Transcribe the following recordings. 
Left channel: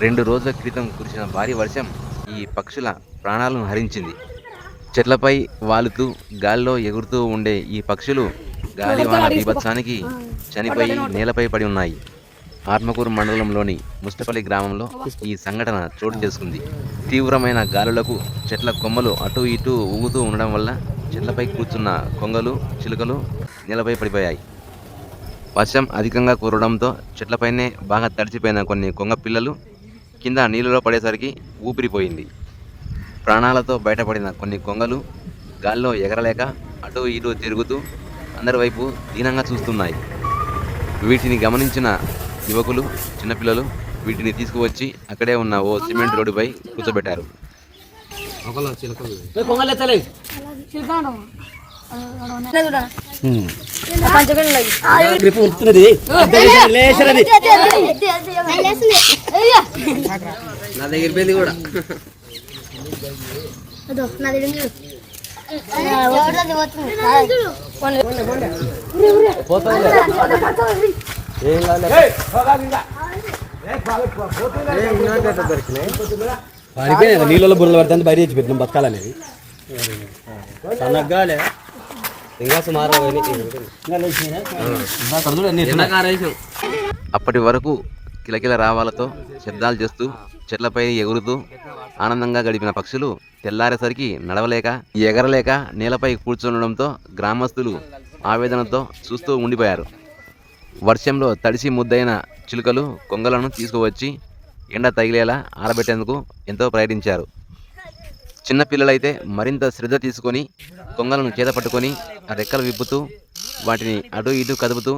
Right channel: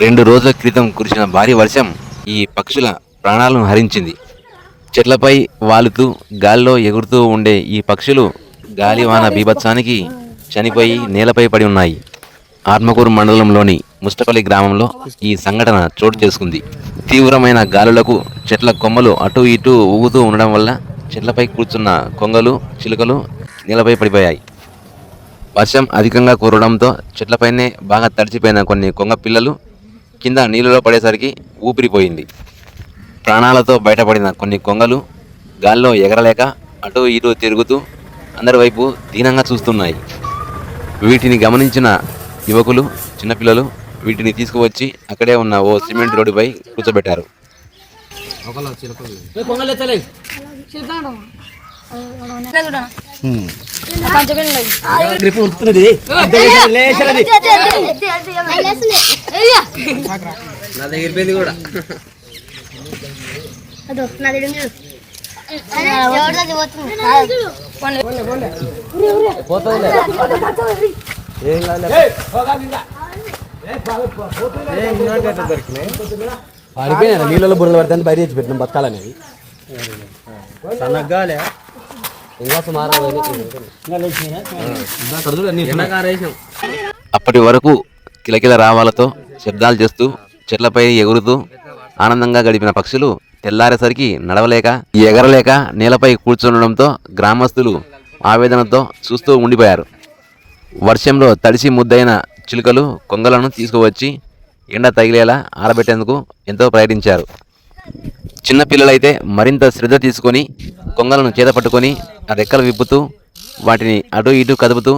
2 రోజుల క్రితం కురిసిన భారీ వర్షం ఈ పక్షుల ప్రాణాలను హరించింది. చెట్లపై వాలుతూ గాల్లో ఎగురుతూ ఉండే ఈ పక్షులు గాలివాన బీభత్సానికి చనిపోయి నేలపై పడి ఉన్నాయి. ఆత్మకూరు మండలంలోని ముష్టపల్లి గ్రామంలో ఈ సంఘటన చోటు చేసుకుంది. తీవ్రమైన గాలులకు చెట్ల కొమ్మలు అటూ ఇటూ ఊగుతూ ఉండడం వల్ల చెట్లపై కూర్చున్న కొంగలు, చిలుకలు నేలపై పడిపోయాయి. వర్షం అధికంగా కురవడంతో చెట్లపైనే బాగా తడిచిపోయిన కొన్ని కొంగ పిల్లలు కింద నీళ్ళలో పడేసరికి ఊపిరిపోయింది. ప్రాణాలతో బయటపడిన కొన్ని కొంగలు గాల్లో ఎగరలేక అటూ ఇటూ తిరుగుతూ అందరి వైపు దీనంగా చూస్తున్నాయి. వీటిని గమనించిన యువకులు, చిన్నపిల్లలు వీటిని తీసుకువచ్చి అక్కడే ఉన్న ఓ సిమెంట్ రోడ్డుపై కూర్చోబెట్టారు. పడిపోయినా నీళ్ళలో బుర్రలు పడుతుంది బయట తెచ్చి పెట్టినాం బతకాలనేది. అప్పటి వరకు కిలకిల రావాలతో శబ్దాలు చేస్తూ చెట్లపై ఎగురుతూ ఆనందంగా గడిపిన పక్షులు తెల్లారేసరికి నడవలేక ఎగరలేక నేలపై కూర్చుండడంతో గ్రామస్తులు ఆవేదనతో చూస్తూ ఉండిపోయారు. వర్షంలో తడిసి ముద్దైన చిలుకలు, కొంగలను తీసుకువచ్చి ఎండ తగిలేలా ఆరబెట్టేందుకు ఎంతో ప్రయత్నించారు. చిన్నపిల్లలైతే మరింత శ్రద్ధ తీసుకొని కొంగలను చేతపట్టుకొని రెక్కలు విప్పుతూ వాటిని అటు ఇటు కదుపుతూ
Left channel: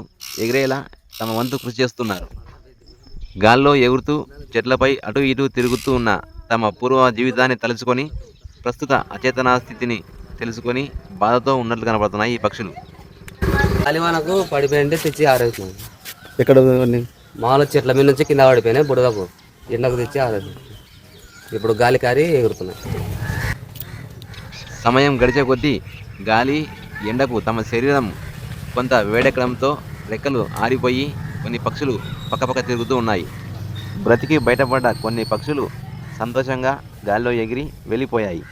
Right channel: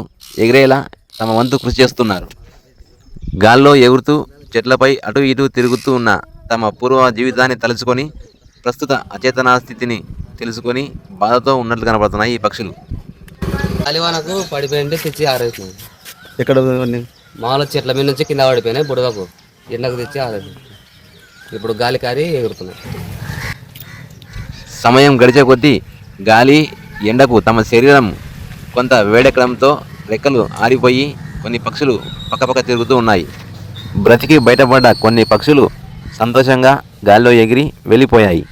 ఎగిరేలా తమ వంతు కృషి చేస్తున్నారు. గాల్లో ఎగురుతూ చెట్లపై అటు ఇటు తిరుగుతూ ఉన్న తమ పూర్వ జీవితాన్ని తలుచుకొని ప్రస్తుత అచేతన స్థితిని తెలుసుకొని బాధతో ఉన్నట్లు కనపడుతున్నాయి ఈ పక్షులు. గాలివానకు పడిపోయింటే తెచ్చి ఆరేసినాం. ఎక్కడ మామూలు చెట్ల మీద నుంచి కింద పడిపోయినాయి. బుడగకు ఎండకు తెచ్చి ఆరేసినాం. ఇప్పుడు గాలి కారి ఎగురుతున్నాయి. సమయం గడిచే కొద్దీ గాలి, ఎండకు తమ శరీరం కొంత వేడెక్కడంతో రెక్కలు ఆరిపోయి కొన్ని పక్షులు పక్కపక్క తిరుగుతూ ఉన్నాయి. బ్రతికి బయటపడ్డ కొన్ని పక్షులు సంతోషంగా గాల్లో ఎగిరి వెళ్ళిపోయాయి.